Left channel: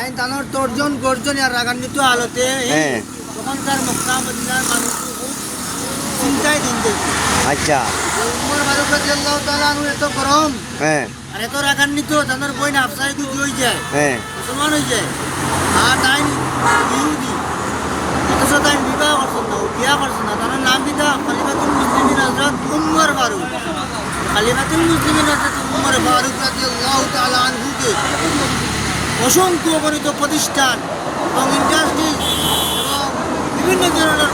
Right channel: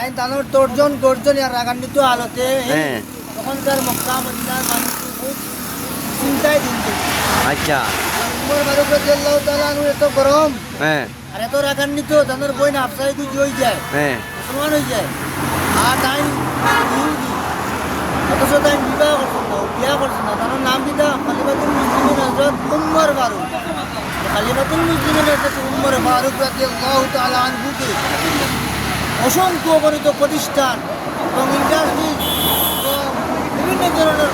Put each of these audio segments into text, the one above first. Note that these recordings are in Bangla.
আইন তানোর তর্জন গর্জন আর রাগান্বিত হালতে তখনকার মক্কা মদিনার মানুষ খুব চিন্তায় দিন দেখি। আচ্ছা উমর ফারুক রাদিয়াল্লাহু তাআলা আনহু এত গরম হ্যাঁ আর এত রাগান্বিত তানোর বই নাফসায় গুজি হয়ে যায়, হ্যাঁ মুসলমান হয়ে যায়। আর তাই ইহুদি অথচ তাই বিবাহ করছেন না, বিয়া করছেন না। তানোর নাম কিটা খলিফাতুল মুসলিমিন হযরত উমর ফারুক। খলিফাতুল মুসলিমিন হযরত উমর ফারুক রাদিয়াল্লাহু তাআলা আনহুকে অসংখ্য অগণিত প্রতিষ্ঠান এবং ইন্ডাস্ট্রি এবং বিভিন্ন ধরনের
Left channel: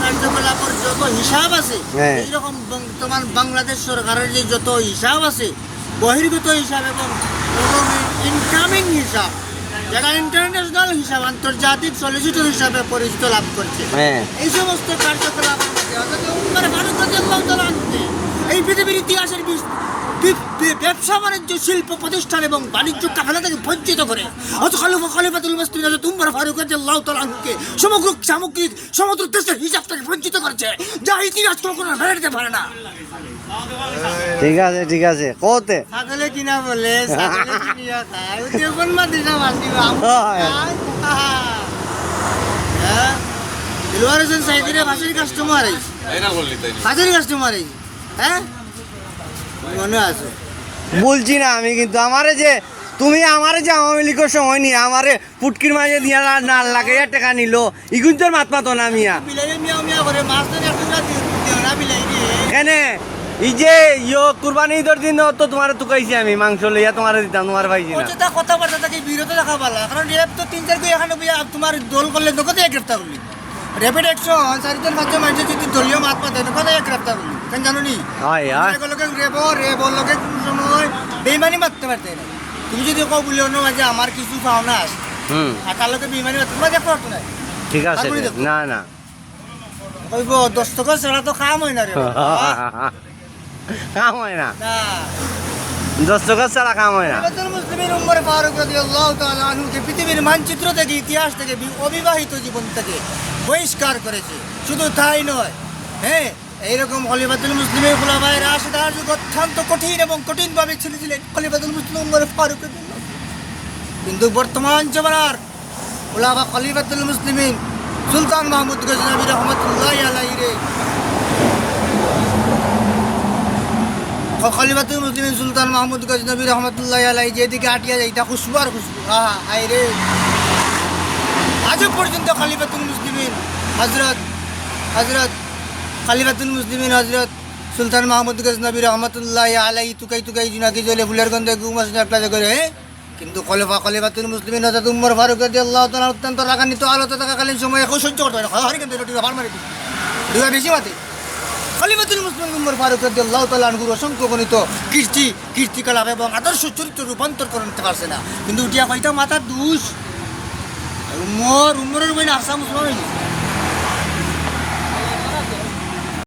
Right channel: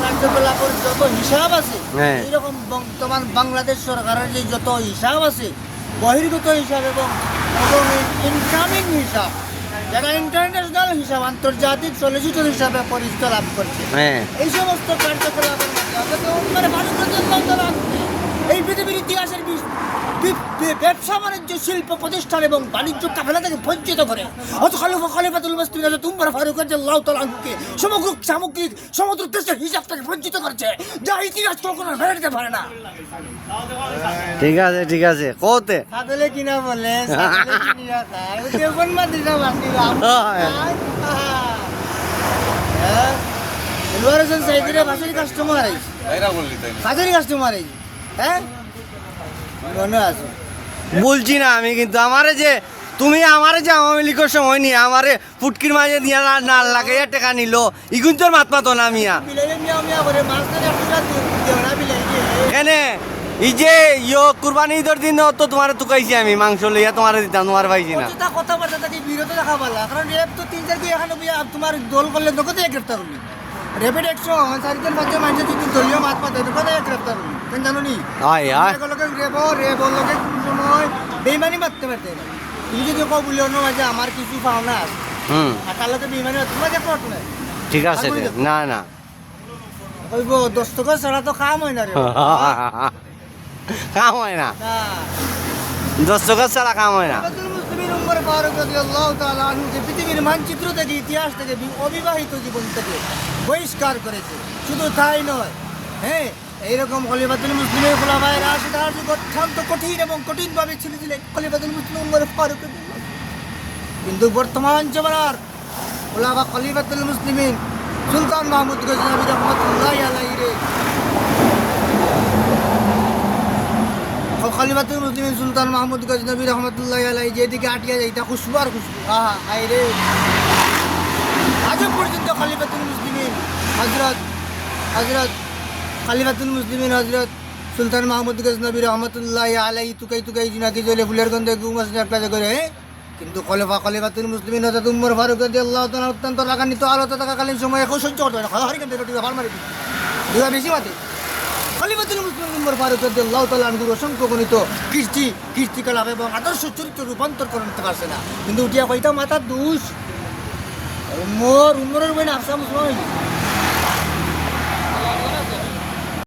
কার্যকলাপের যত হিসাব আছে, এইরকম বর্তমান বাংলাদেশ সরকারের যে যত হিসাব আছে, বহির্গত হিসাব এবং এবং ইনকামিং হিসাব, যারা ইন্টারন্যাশনাল হিসাব আন্তর্জাতিক সলিসিটর হিসাবে পরিচিত লাভ করছে, এই সমস্ত কার্যকলাপের মধ্যে মানে ভারত এই পৃথিবীর ইতিহাসের ব্যবসা বাণিজ্য শিল্প প্রতিষ্ঠান এবং বাণিজ্য কাফেলা থেকে বঞ্চিত করে খলিফাতুল মুসলিমিন হযরত উমর ফারুক রাদিয়াল্লাহু তাআলা আনহুকে সমগ্র সামগ্রিক সমুদ্র দেশের হিসাব থেকে বঞ্চিত করেছে, যা ইতিহাস কখনো মেনে নিতে পারে না। ঠিক আছে কতে পাগলে কিনা বলে ছাগলে কিনিয়া খায় ও দেবন মাদ্রাসা বান্দি এলওয়ার হোসেন সাইদিরে ফাঁসির কাস্টমার আইছে, ফাঁসির কাস্টমার আইছে। হ্যাঁ মনে আছে বলছি না আমি, কিন্তু আমারে যে তুমি আমারে যে আওয়ামী লীগের সময় নিয়ে আমারে ফুটকির মাঝে দিয়া না লাগাইয়া টাকা নিল ইগুন তোর মাত মাতো না মিয়া বিলাইলে মিয়া মিয়া করে মাছ ধরে পুরা দেও না বিলাই রে এনে এই যে কুরবানি ঈদের দিন তো তোমার তুকাইছি আমি মাংস লইয়া তোমার দিতাম, তোমার পাইছি না। তা কথা বার্তা তাকে বিরত রাখা ভালো, কারণ রেপ তো 3-4 করে এখানে তোমার দল করলে দোকানে গ্রেফতার করলি, র্যাপিড অ্যাকশন 4-3 মাঝে মাঝে যদি দলীয় মাত পাতে দোকানে গ্রেফতার করলি, কেন জানো নি? হয় হয় রেপ লোকে কোন সময় বেইমানি মারতে পারতে, তুমি যদি কও বলি অন্য মাঝে আমার কিছু পাওনা আছে আর তার লোকে বেইমানি মারতে মাঝে করতে না। ঠিক আছে না না ওই 10 টাকা ছাড়া তো কাম হয় না রে, কাম হয় না, 10 টাকা ছাড়া কাম হয় না। মুসলিমিন উমর ফারুক রাদিয়াল্লাহু তাআলা আনহুকে পৃথিবীর মানচিত্র থেকে ইতিহাস থেকে অবিবাহিত জীবন থেকে বহিষ্কার করেছে। শুধু তাই নয়, হ্যাঁ এইরকম খলিফাতুল মুসলিমিন খুলাফায়ে রাশিদার যুগ অত্যন্ত কঠিন এবং কঠিনভাবে ছিলেন খলিফাতুল মুসলিমিন উমর ফারুক। কিন্তু বর্তমান জমানার খুলাফা খলিফাতুল মুসলিমিন সুলতান মাহমুদ গজনবী রহমাতুল্লাহি আলাইহি রে খলিফাতুল মুসলিমিন সুলতান মাহমুদ গজনবী রহমাতুল্লাহি আলাইহি যেদিকে আটিয়া যায় এটা খুশবু আর খুশবু, আহা আই রে। আজও পর্যন্ত খলিফাতুল মুসলিমিন হযরত খলিফাতুল মুসলিমিন হযরত সুলতান মাহমুদ গজনবী রহমাতুল্লাহি আলাইহি তুকাই জুনাকি জ্বলে ফুলের গন্ধে ঘুমাসে একটা করে। কিন্তু খলিফাতুল মুসলিমিন হযরত উমর ফারুক রাদিয়াল্লাহু তাআলা অত্যন্ত রাগান্বিত আলোতে থাকাকালীন সময়ে সহ্য করতে পারে না, হারি কিন্তু রুটি ভালো মারি দুয়া বেশি মাটি। খলিফাতুল মুসলিমিন উমর ফারুক রাদিয়াল্লাহু তাআলা আনহুর অসংখ্য গণিত কীর্তিকলাপ এবং আদর্শ চরিত্র রূপান্তর করতে পারছে না। কিন্তু উঠিয়া কইতা মাথার দোষ উমরের বই আফসা মুসলমান হয়েছে।